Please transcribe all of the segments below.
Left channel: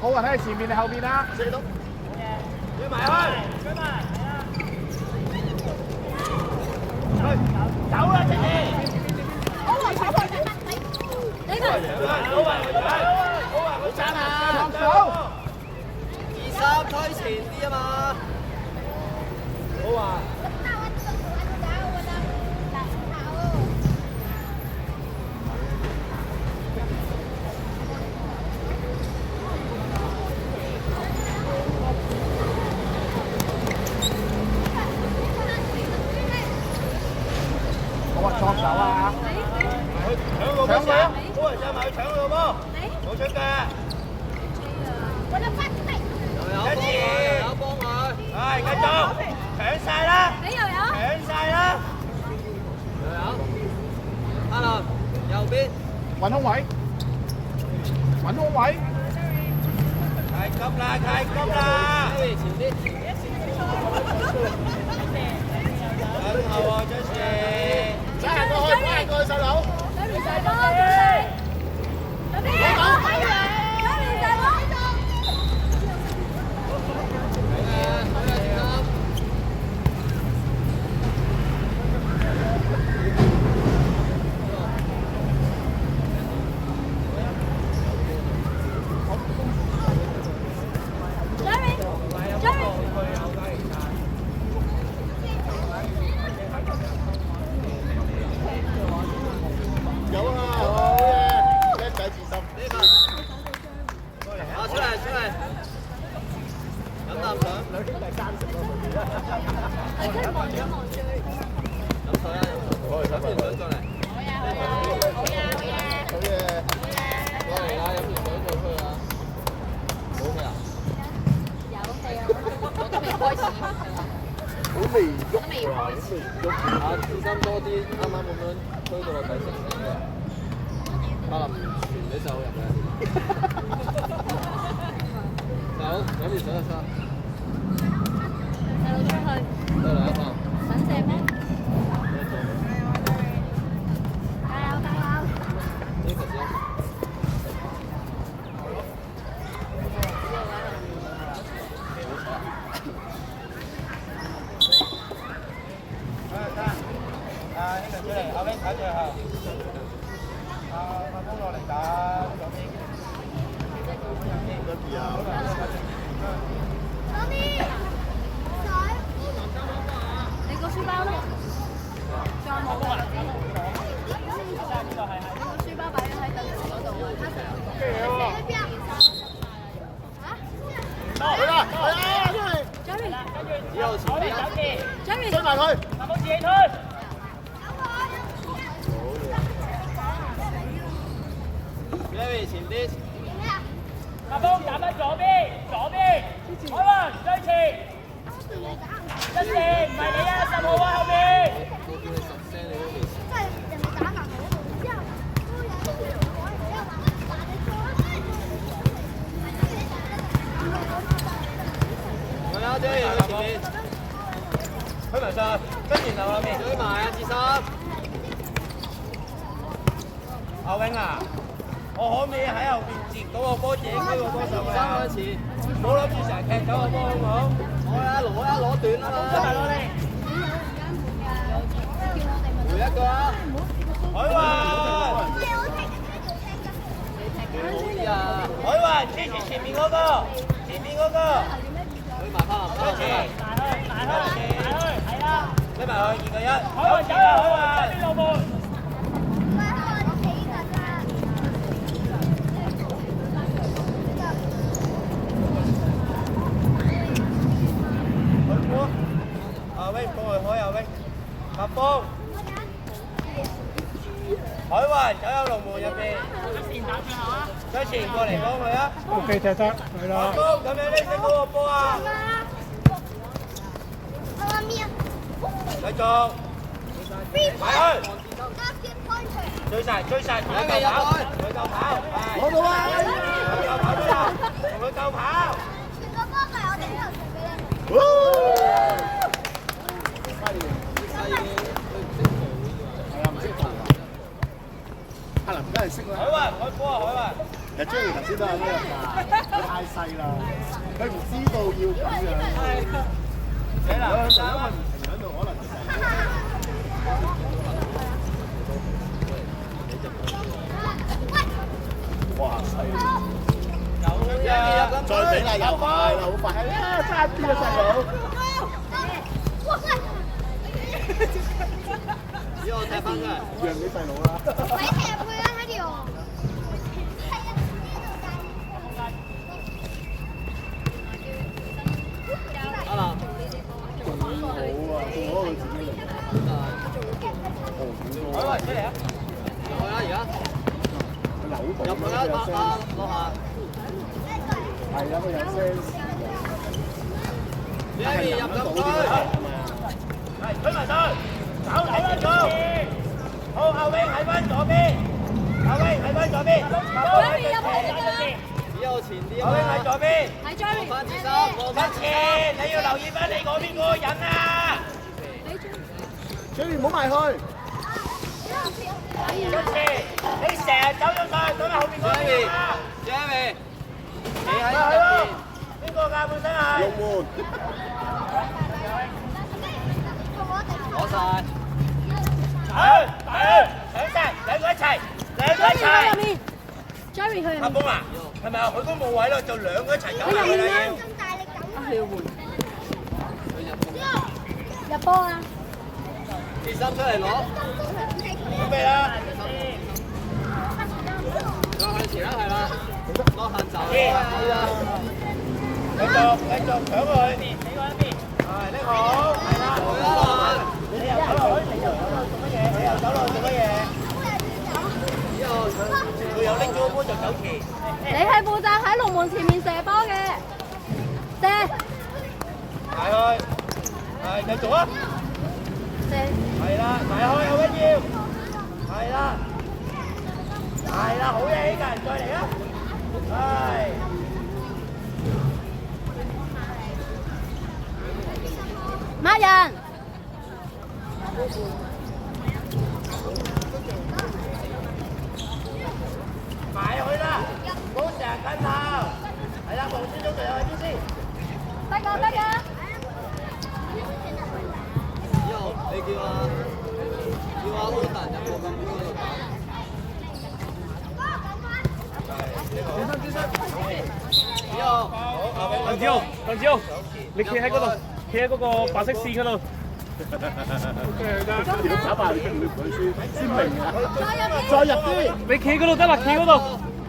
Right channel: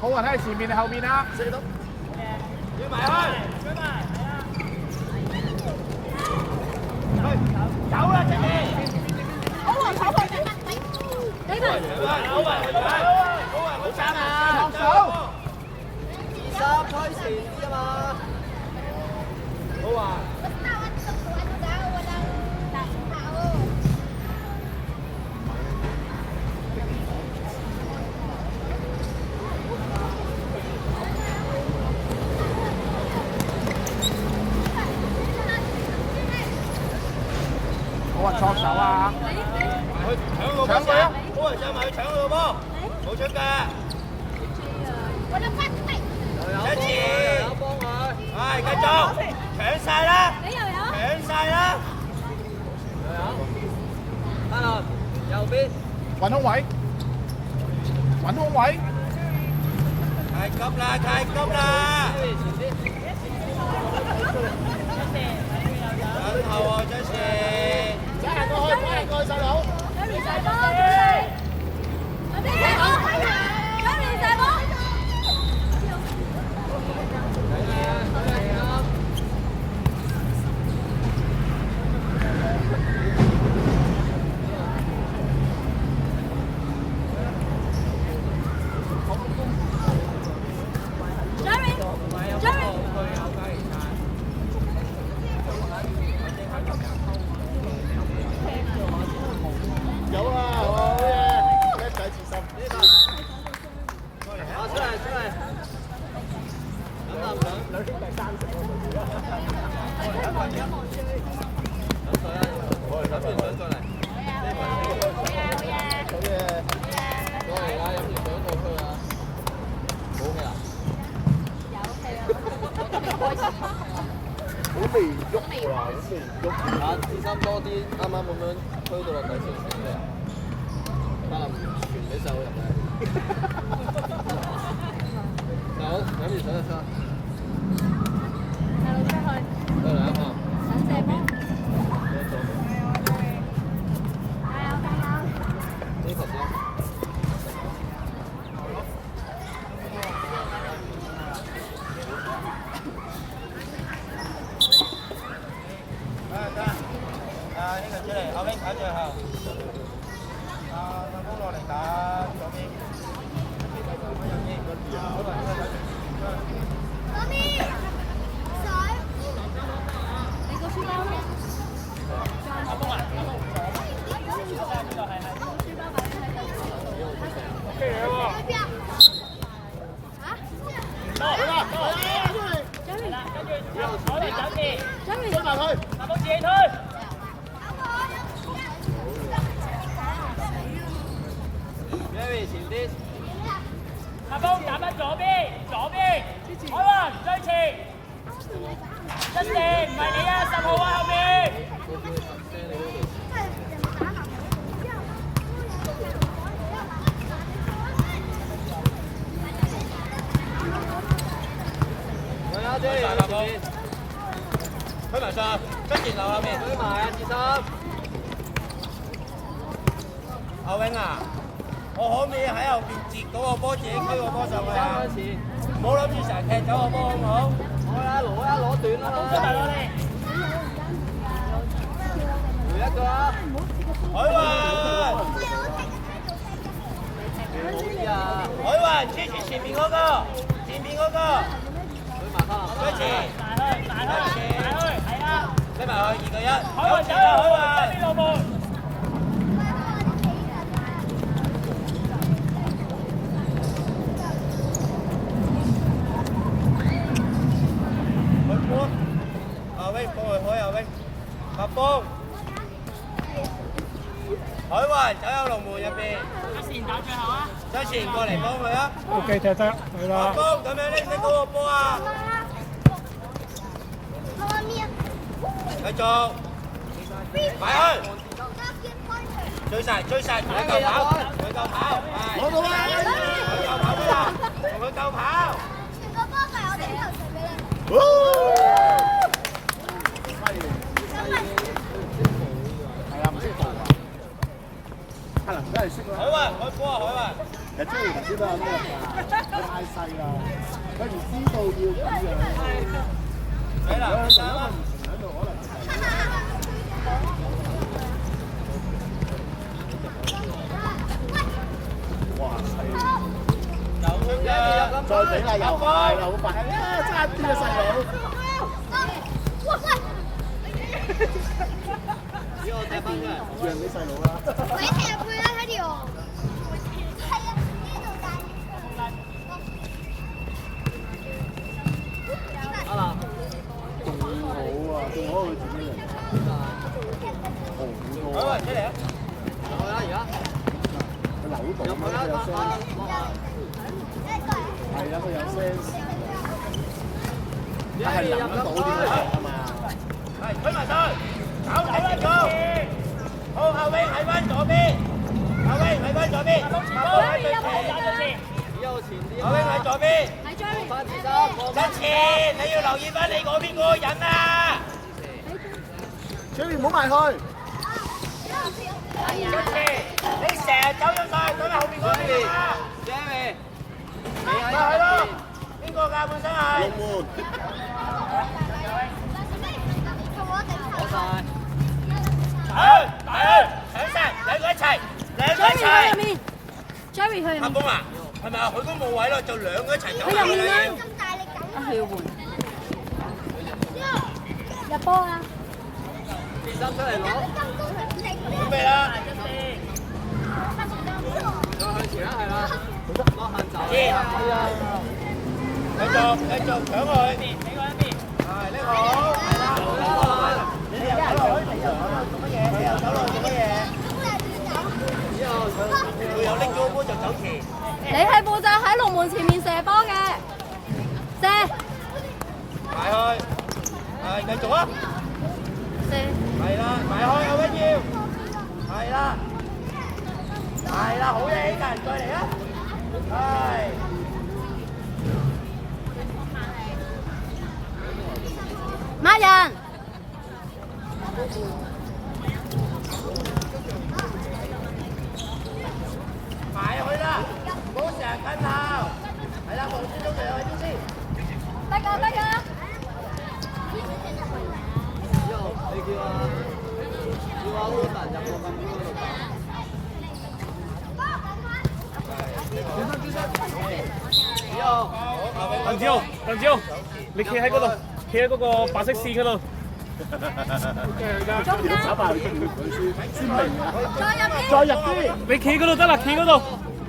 好啊，睇前面定後面啊？射到，要埋去，走啦，姐姐！呢個好賺啊！手，2-3推前啲啊嘛，好啊！錯手啊！搶個波先，波人就咪搶個波，冇出嘅。一次，有幫佢，係繼續搶晒啦，搶晒啦，阿林右邊，揾空位，揾空位，太急啦，太急啦，前啲，等後喎，真係，過去細佬，有啊，好嘢，叻仔自信。好，出嚟，出嚟。兩兄弟爭食喎。飲完水過嚟。好嘢。過嚟啦，飲完水再出去啊。冇氣啊？好微喐啊！好微喐啊！自身多啲，啱啱咁樣推到落底成嘅，可能傳你手入去。走，飲完水就出。過嚟啊！放。呢個先。後邊睇最後，都落嚟打左邊。媽咪，水。你個書包咧？再冇啊？你個書包擺咗喺度。Jerry，追埋佢，冇自己推。前啲，阿峰打返左邊，好啦，追前，一四唔係你啊，10號啊後邊。我有啲有前面，推埋上，跟前後面，推埋啊，志森。阿永啊！我可唔可以喺後邊截嗰個波，自己飛個波上去啊？唔好諗住成日踢走個波好唔好？好啦，攞短啊嘛！回一個啊！海雲，好啊！海雲支持前面嗰個，追前，係啦，追埋去2個1，海雲走啦，海雲。白峰，海雲走入龍門入邊，將前過嚟幫佢啊 OK， 踢得，係啦。白峰咁樣拎嗰個波啊！繼續，擺去，追晒，佢夠跑，攞到啊！同佢夠跑。阿林真係識啦。海雲，開波啊！海雲。其實 Jerry 頭先都係呢個㗎，佢太細啦，佢唔知道要咁樣。如果佢唔喺度，可能哇！再整下又快啦，好快啊！差啲啊，細佬。讓啲細佬啦。你踢入去啦，喺條。仲好啊，仲好佢自己嚟。好多。步咁樣佢有 sense。係啦，佢有 sense。但係諗得到點樣係嘛？係推埋佢，走睇翻佢。好，後尾睇翻左邊，後尾睇翻左邊。只有前啲後尾睇左邊。係 Joey，翻前三，一次，你要留意翻你嗰邊嗰個人啊！ Jerry 唔好埋去。一次，你成日走咗晒，走喺後邊嗰邊啊！ Jerry，你喺咪係咯，邊個㗎本身係？龍門。攞晒。上，上聲，兩個一齊，兩個一 Joey 去入齊。面，Jerry 去入面，阿公啊，係咪啊？佢都冇位咯，就兩個一齊走。去入面啦，入波啊！二三出嚟攞，準備啦，向前啦，係啦，攞問責。係啊，繼續搶過去邊，你嗰邊。係呢個，係啦，你又走落去，你又走落去做乜嘢？你又走落去做乜嘢？佢有拎咗個波就走前。你係負責喺龍門前面射波嘅，射埋去，係繼續啊！射，係啦，埋去有乜嘢？係啦，係啦，好嘢，呢個人再嚟啦！係。孖人，埋去啦，唔好成日跟頭。係啦，黃先生嚟啊，先先。得㗎得㗎，你叫阿好神入個禁區嗰度打。鄧子豪，你企喺嗰度，企喺嗰個白色線嗰度。要走埋去經驗佢先明啊！再入啲，再入啲，你企嗰度得啦，企嗰度，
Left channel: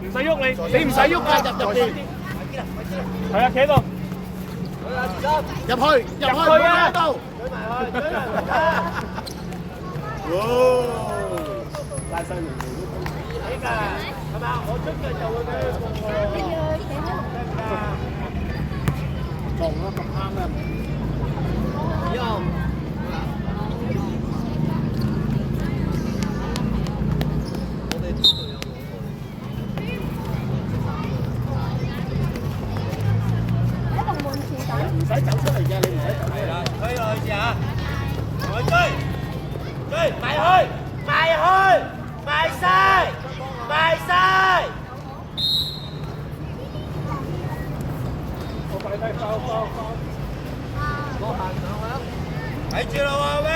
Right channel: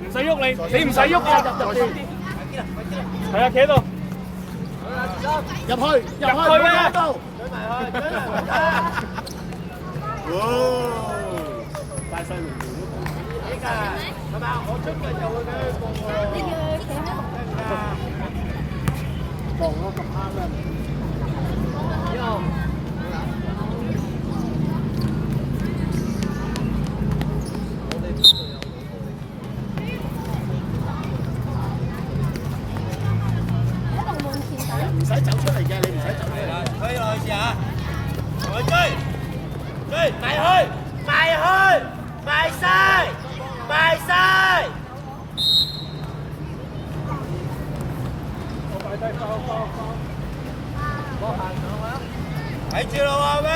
唔使喐你唔使喐啊！入邊，係啊，企喺度。入去，唔好喺度。哇！大細龍門都呢個係咪啊？我出嘅就會俾佢過喎。望咯咁啱啦。喺龍門前等，唔使走出嚟嘅，你唔使走出嚟。可以耐住啊！我追，埋去，埋晒！睇住啦喎，喂！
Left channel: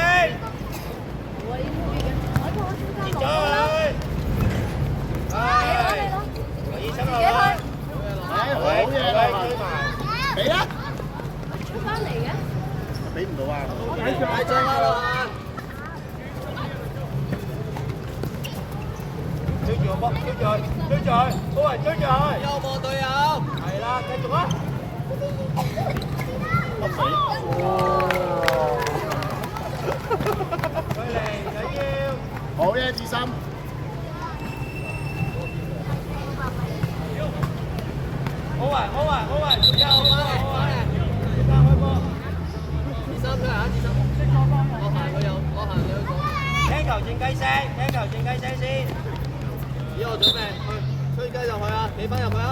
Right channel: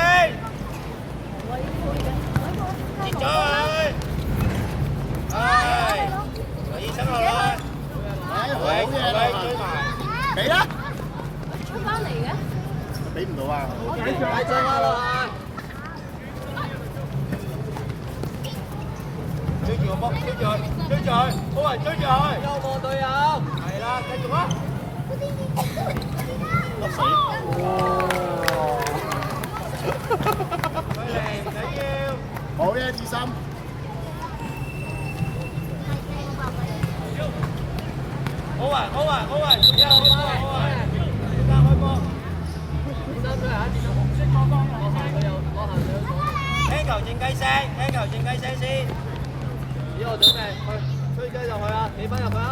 截咗佢，係，可以出落去。好嘢啦，俾啦，出翻嚟嘅，俾唔到啊！大將啊！追住個波，追住佢，高人追住佢。有冇隊友？係啦，繼續啊！笠死！好嘢，志心。好啊！聽球靜雞聲先。以後準備去吹雞入去啊！企翻入去啊！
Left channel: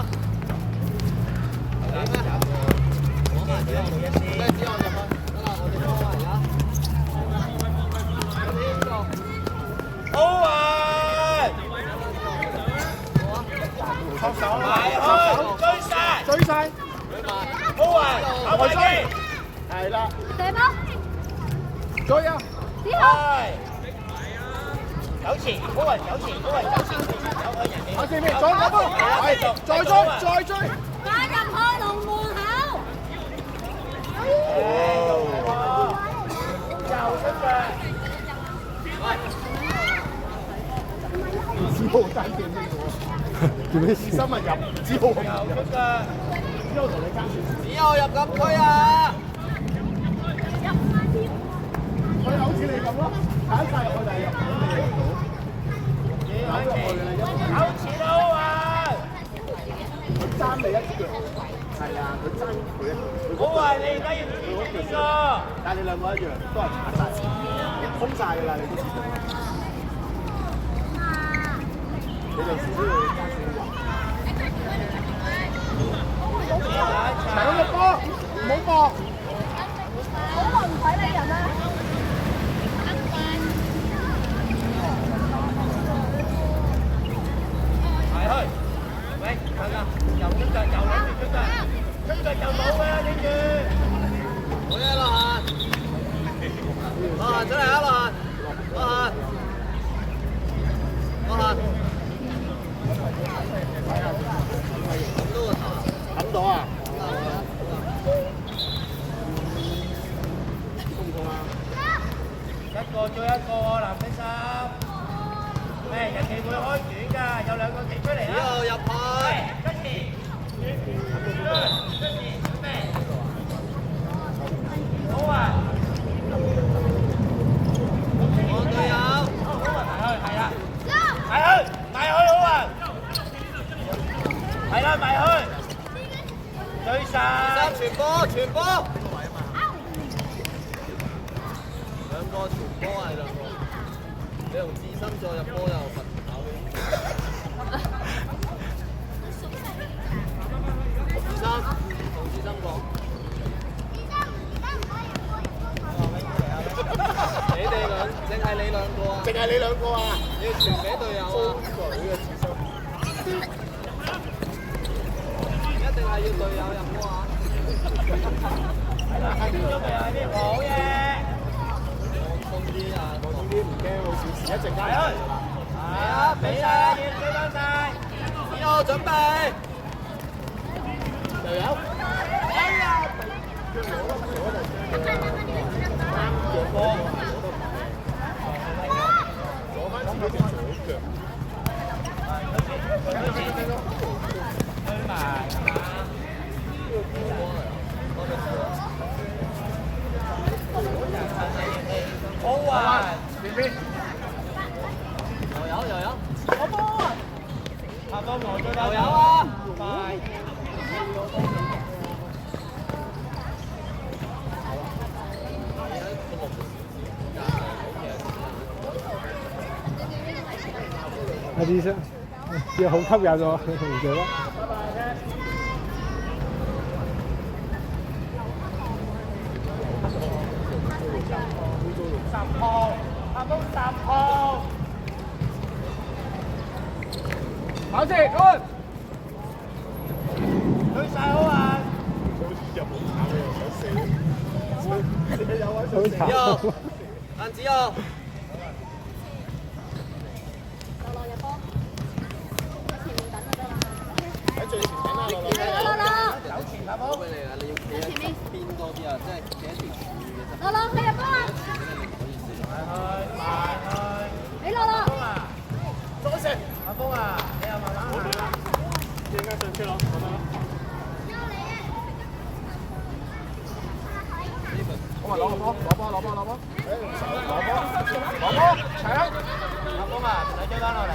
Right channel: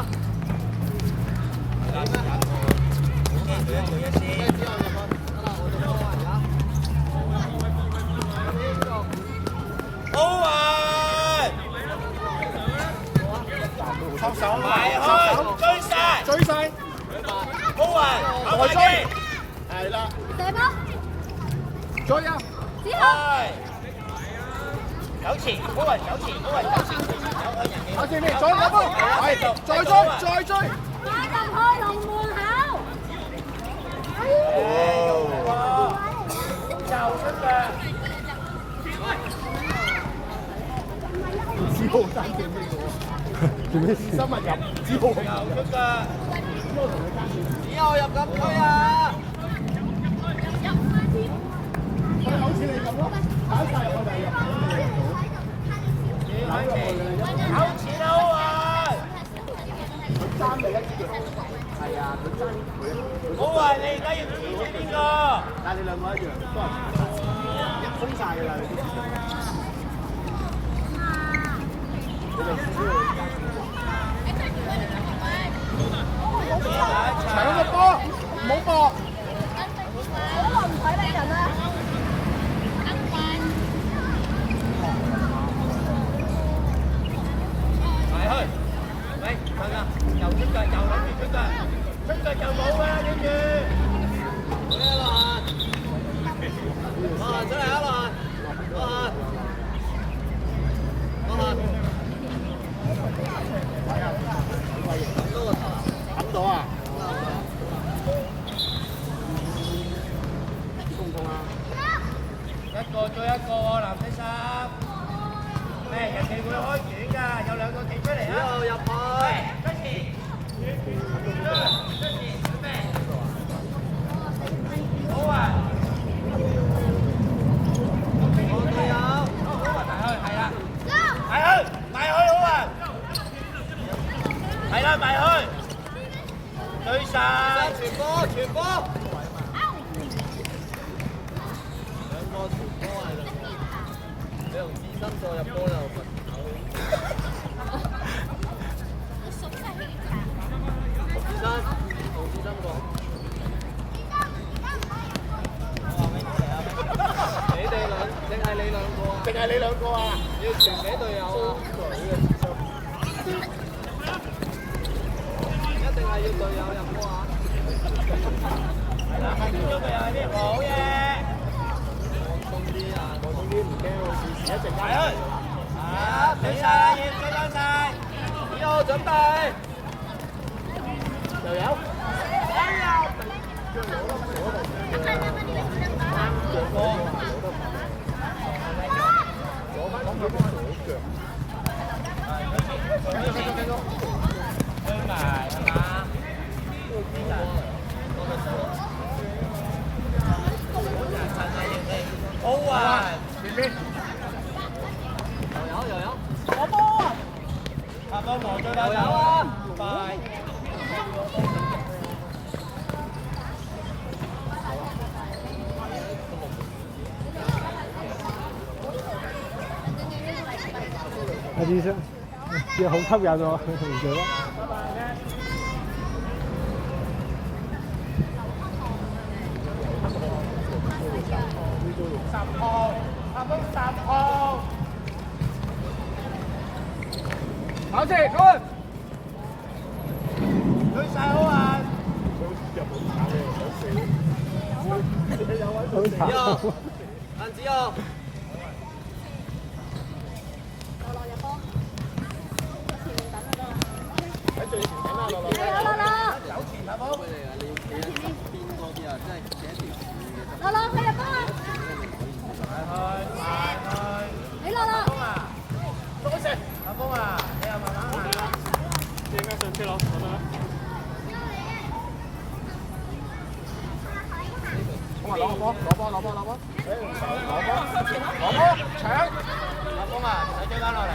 收手，埋去，追晒，高人，再追，係啦，射波，追啊！之後走前，高人走前，阿健你再入波，係，再追，加入去龍門口，子豪爭點呢個？做咩事？新聞入子豪唔入，之後同你爭少少。以後入禁區啊！佢好似你咁咯，跑晒入去，但係入唔到，扭入去㗎啦，一路。好啊！你而家要轉邊個？但係你兩個一樣，都係踩晒，封晒㗎啦，你都知道啦。你哋少少。搶個波，唔好搏。好耐唔睇你人啦。抌到啊！痛唔痛啊？一個追一個喎，南非三。誒，人哋會開卷㗎，有兩個企出嚟啊！入去。跟住，準備。好啊！我隊友。好啊，埋去，係啦。埋去好啊！係啦，埋去。對晒。傳波。兩個傳波係兩個。你用自身再入波又。淨係你兩個啊！要傳俾隊友啊！一定係要隊友入波啊！好嘢！呢啲唔驚喎，事一直埋去。俾晒，嘢俾翻晒。要準備。又有。哎呀！攞得啱着波啊！攞翻咁多腳。好啊！邊？又有。下方黃隊又有啊！快！阿醫生，啲好吸引喎，唔記得。10號，下方10號。跑住，過。對晒好啊！入冇炒你又想死，有位好慘。萬子哦。喺最前等啊，樂樂。加油，樂樂！邊多啲啊？即係企一條柱嘅。樂樂，你入波啊！你樂樂。中一成，阿峰啊，你又慢慢行。應該上車咯，咁樣。咁啊，攞個波，攞波。誒，用手攞波，搶。阿峰啊，我追翻落嚟。